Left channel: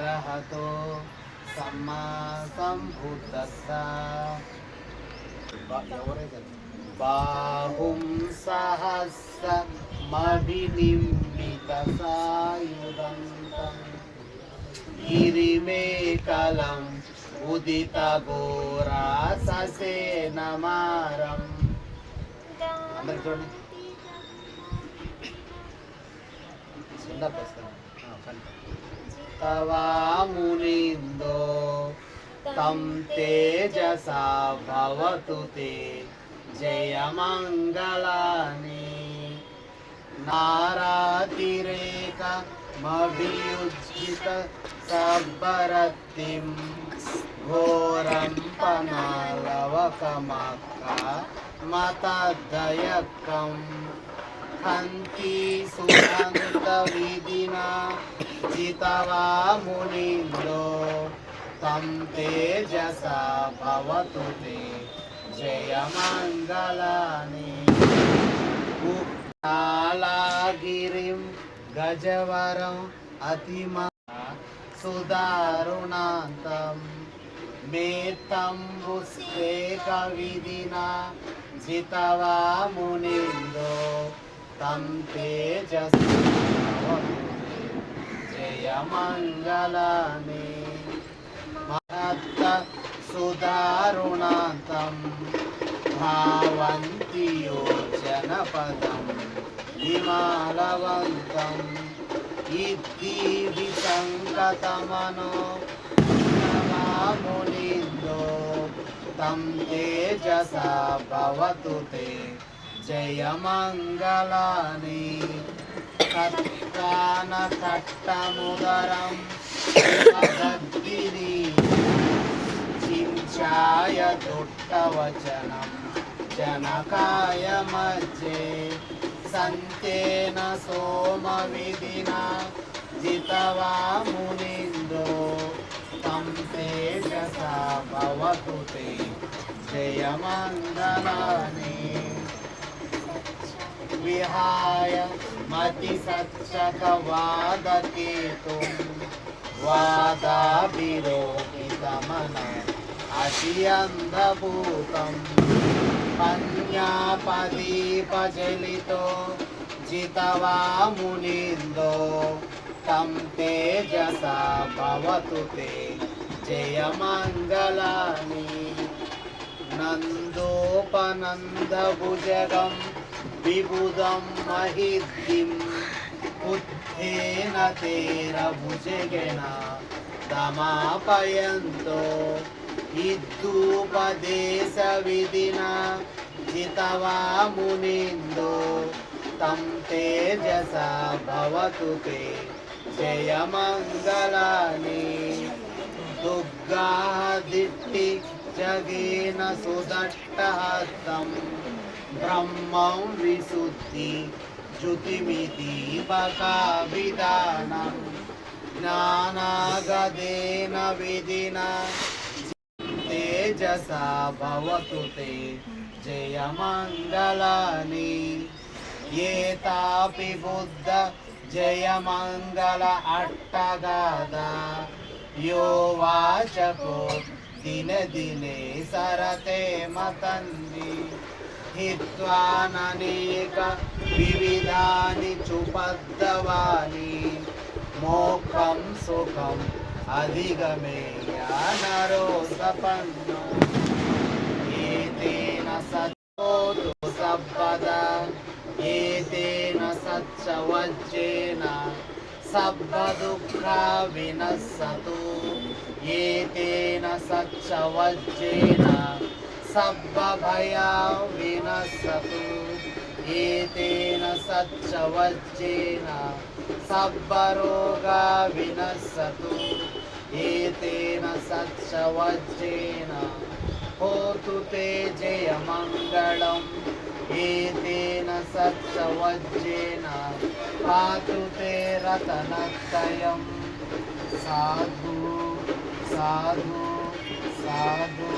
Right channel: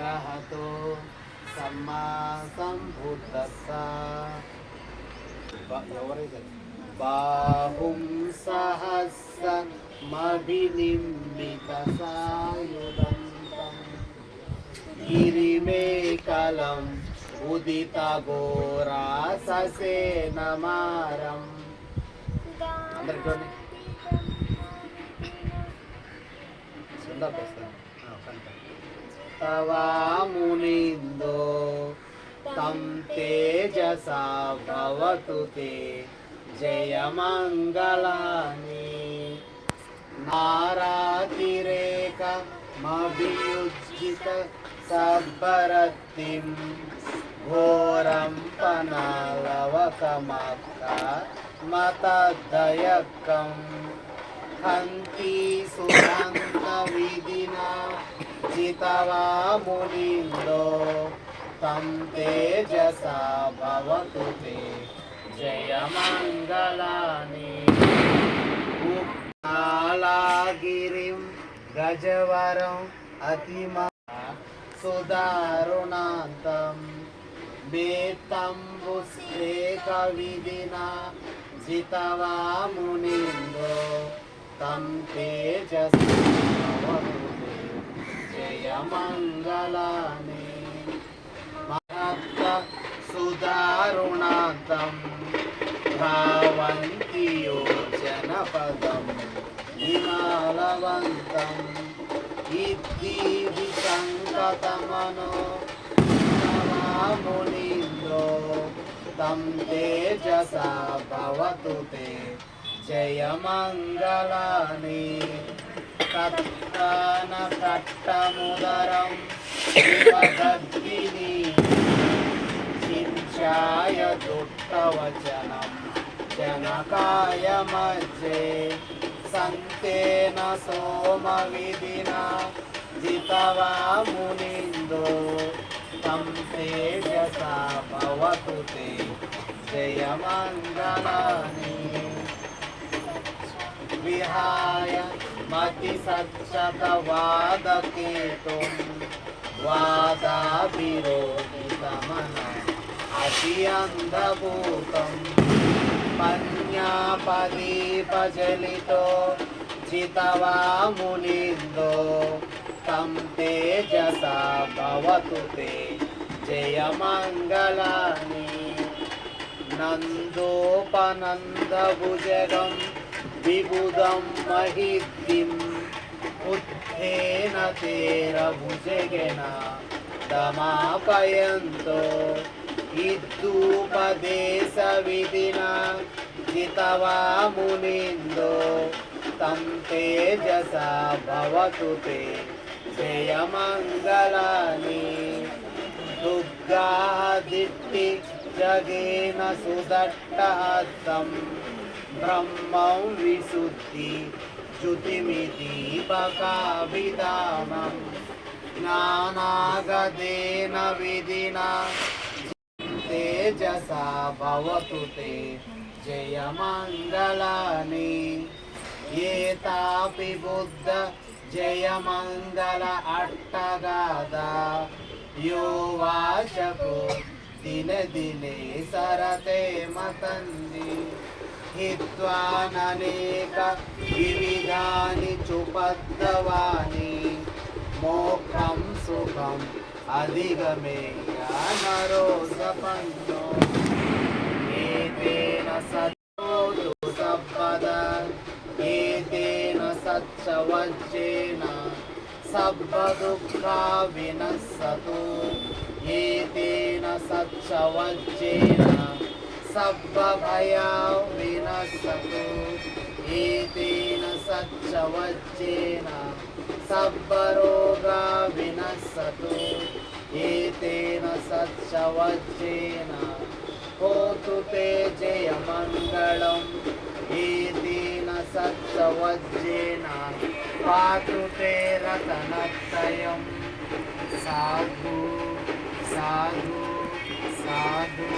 అరహతో సమ్మా సంబుద్ధస్స. ఎవరైతే బాహుం సహస్రమభినిమ్మిత సాయుధంతం గిరిమేకలం ఉదిత ఘోరా ససేనమారం. అందరికి చూడండి. తవామునిందో తం తేజసా భవతు తే జయమంగళాని. నారాతిరేకమభియుజ్జిత సబ్బరత్తిం ఘోరం పనాలవకమక్క మతదయక్కం హంతి సునంత విధినా జితవా మునిందో తం తేజసా భవతు తే జయమంగళాని. గుప్తాళగిరిం గజవరం అతిమా సుదారుణాంతం మేతంబుస్వేక విధినా జితవా మునిందో తం తేజసా భవతు తే జయమంగళాని. మహత్త సుదారుణాంతం భావంతి యో జనపదం విమాలవంతం ఇద్దీది సంకతమనో మునిందో తం తేజసా భవతు తే జయమంగళాని. తత్కాన తట్టముదరం శివదగ్గిని చించాయ దుట్టవచనం జనకాయ మధ్యే సంతేన సోమ విధినా జితవా మునిందో తం తేజసా భవతు తే జయమంగళాని. విహాయ మతి సచ్చకవాదకేతుం వాదాభిరోపితమనో అతియంధభూతం పన్యాపదీపజలితో జితవా మునిందో తం తేజసా భవతు తే జయమంగళాని. నందోపనందభుజగం విబుధం మహిద్దిం ఉత్థేన తేరభుజగేన దమాపయంతో ఇద్దూపదేశ విధినా జితవా మునిందో తం తేజసా భవతు తే జయమంగళాని. దుర్గాదిట్టి జగేన సుదట్టహస్తం బ్రహ్మం విశుద్ధి జ్యుతిమిదీపకా విధానం జ్ఞానాగదేన విధినా తేజసా భవతు తే జయమంగళాని. ఏతాపి బుద్ధ జయమంగళ అట్టగాదా యో వాచకో దినే దినే సరతే మతంది హిత్వాననేక వివిధాని చుపద్దవాని మోక్షం సుఖం అధిగమేయ నరో సపన్నో ఏతేన సచ్చోతు సబ్బదా ఏతేన సచ్చవజ్జేన సబ్బదుఃఖా వినస్సతు ఏతేన సచ్చవజ్జేన సబ్బభయా వినస్సతు ఏతేన సచ్చవజ్జేన సబ్బరోగా వినస్సతు ఏతేన సచ్చవజ్జేన హోతు తే జయమంగళం ఏతేన సచ్చవజ్జేన పాతు తే రతనత్రయం. సాధు సాధు సాధు.